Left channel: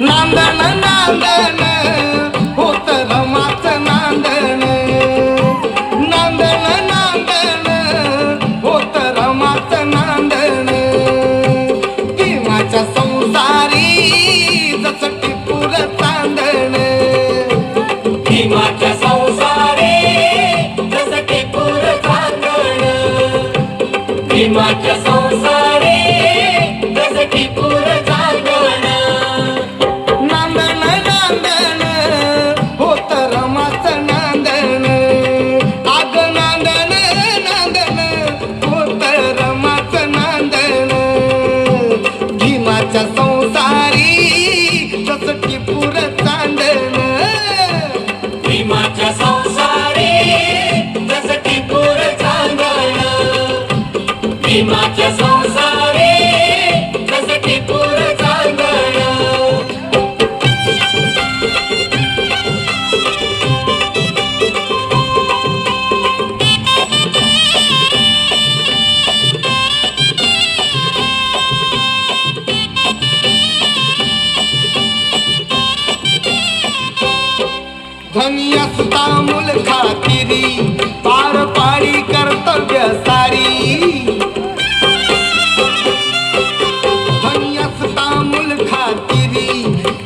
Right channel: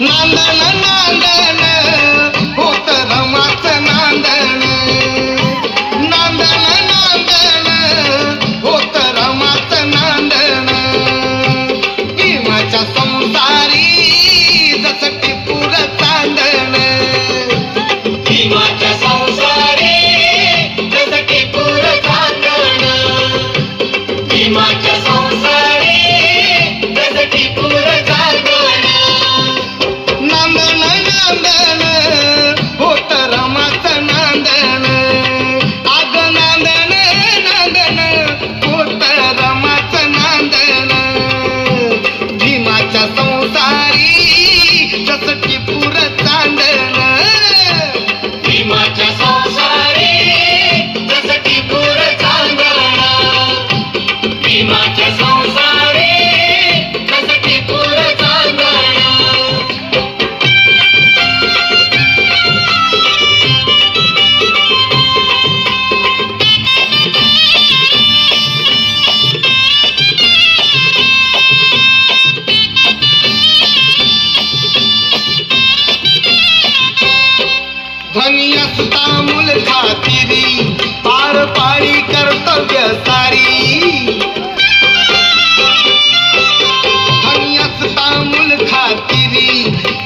नांदण नांदण होत रमाचं नांदण, नांदण नांदण होत रमाचं नांदण, भीमाच्या संसारी जसं टिपूर चांदण, भीमाच्या संसारी जसं टिपूर चांदण, भीमाच्या संसारी जसं टिपूर चांदण, नांदण नांदण होत रमाचं नांदण, आग नांदण नांदण होत रमाचं नांदण, भीमाच्या संसारी जसं टिपूर चांदण, भीमाच्या संसारी जसं टिपूर चांदण, भीमाच्या संसारी जसं टिपूर चांदण. धनी असता मूल खातिरी पार पाडी कर्तव्य सारी, धनी असता मूल खातिरी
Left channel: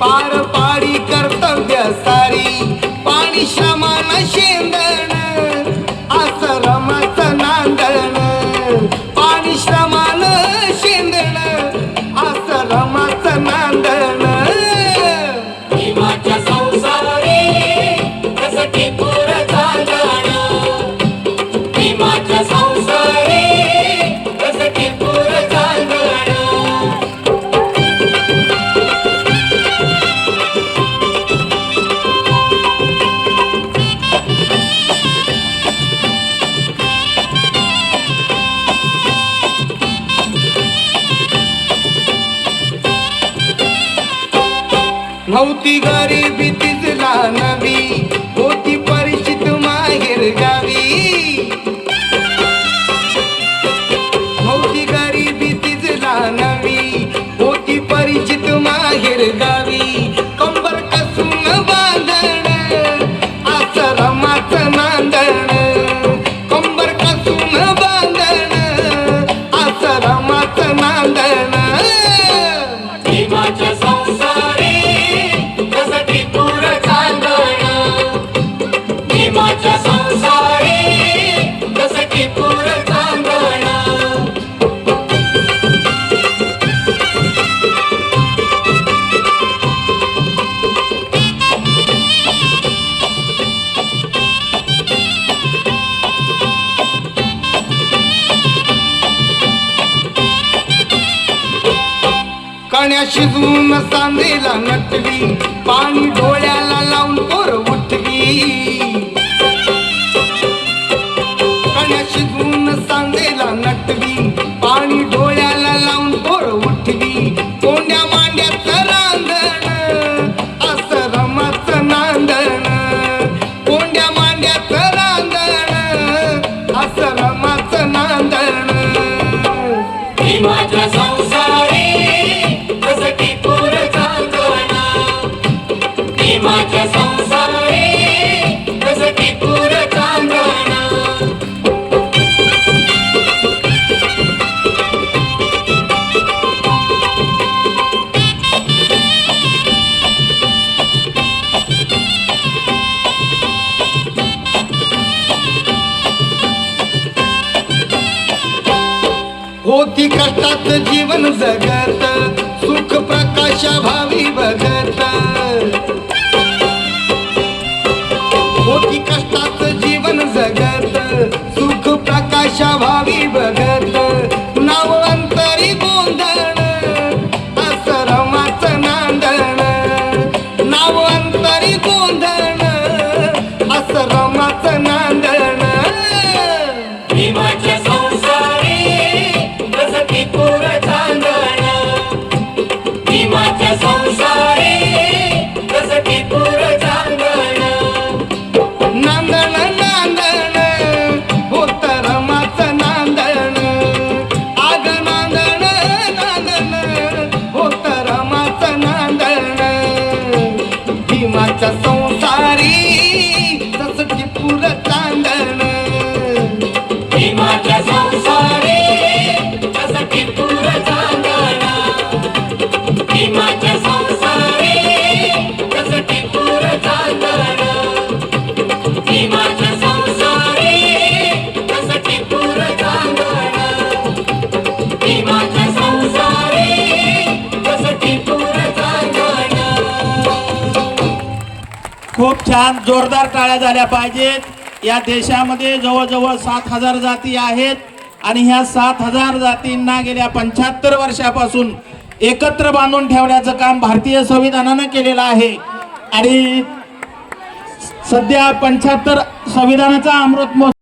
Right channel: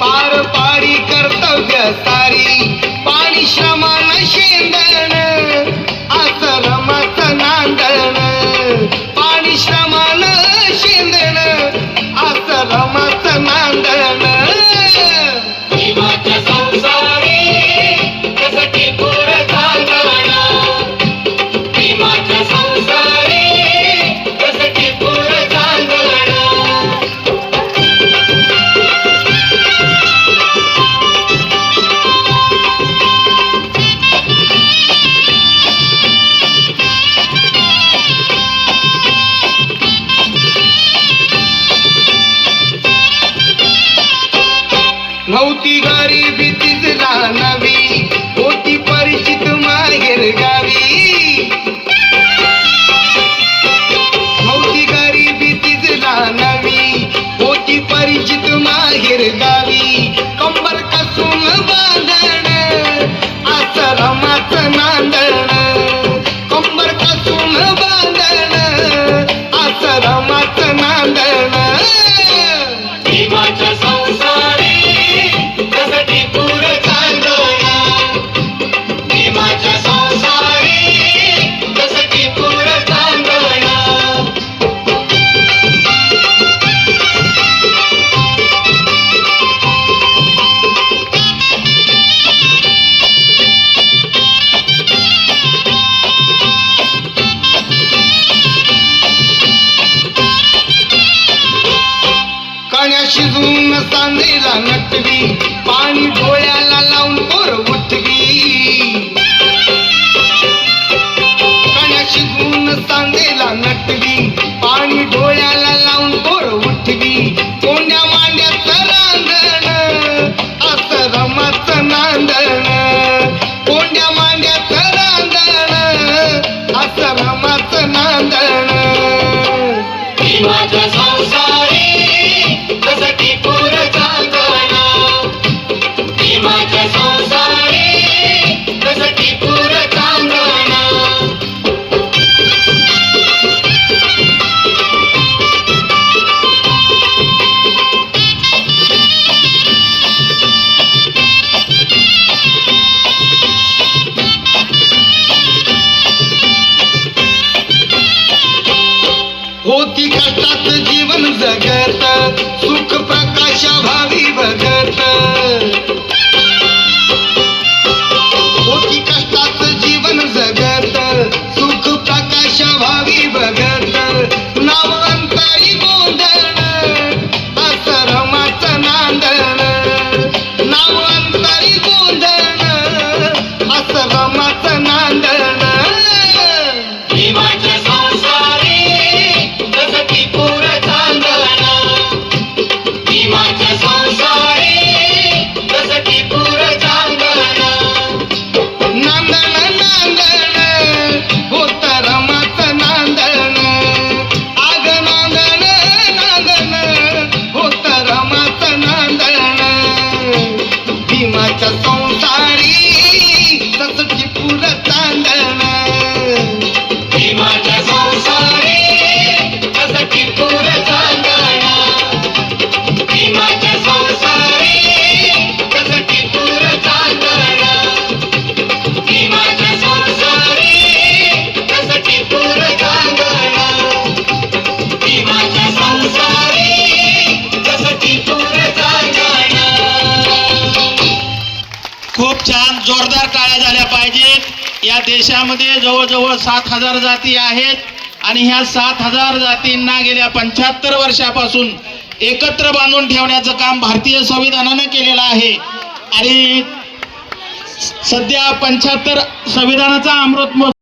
पार पाडी कर्तव्य सारी, पाणी श्रमानं शेंदण असं रमाचं नांदण, पाणी श्रमानं शेंदण असं रमाचं नांदण, भीमाच्या संसारी जसं टिपूर चांदण, भीमाच्या संसारी जसं टिपूर चांदण. नव्हती गरिबी तिजला नवी, होती परिचित माहेर गावी, नव्हती गरिबी तिजला नवी, होती परिचित माहेर गावी, कंबर कसून बांधण असं रमाचं नांदण, कंबर कसून बांधण असं रमाचं नांदण, भीमाच्या संसारी जसं टिपूर चांदण, भीमाच्या संसारी जसं टिपूर चांदण. कण्या शिजवून सांदेला नटवी, पाणी डोळ्याला लावून पोर उठवी, कण्या शिजवून सांदेला नटवी, पाणी डोळ्याला लावून पोर उठवी, कोंड्या मांड्याचं रांगण असं रमाचं नांदण, कोंड्या मांड्याचं रांगण असं रमाचं नांदण, भीमाच्या संसारी जसं टिपूर चांदण, भीमाच्या संसारी जसं टिपूर चांदण. होती कष्टात जीवन जगत, सुख प्रकाशा भावी भगत, होती कष्टात जीवन जगत, सुख प्रकाशा भावी भगत, नाव अंतरी गोंधळ असं रमाचं नांदण, नाव अंतरी गोंधळ असं रमाचं नांदण, भीमाच्या संसारी जसं टिपूर चांदण, भीमाच्या संसारी भीमाच्या संसारी कसं टिपूर चांदण भीमाच्या संसारी कसं टिपूर चांदण भीमाच्या संसारी कसं टिपूर चांदण खूप छान जोरदार टाळ्या झाल्या पाहिजेत। या देशामध्ये जवळजवळ 7,000 जाती आहेत आणि ह्या 7,000 जातींना गेल्या 75 वर्षापासून एकत्र बांधून ठेवण्याचं काम भारतीय संविधानानं केलेलं आहे आणि सध्या 75 संविधानाचा अमृत महोत्सव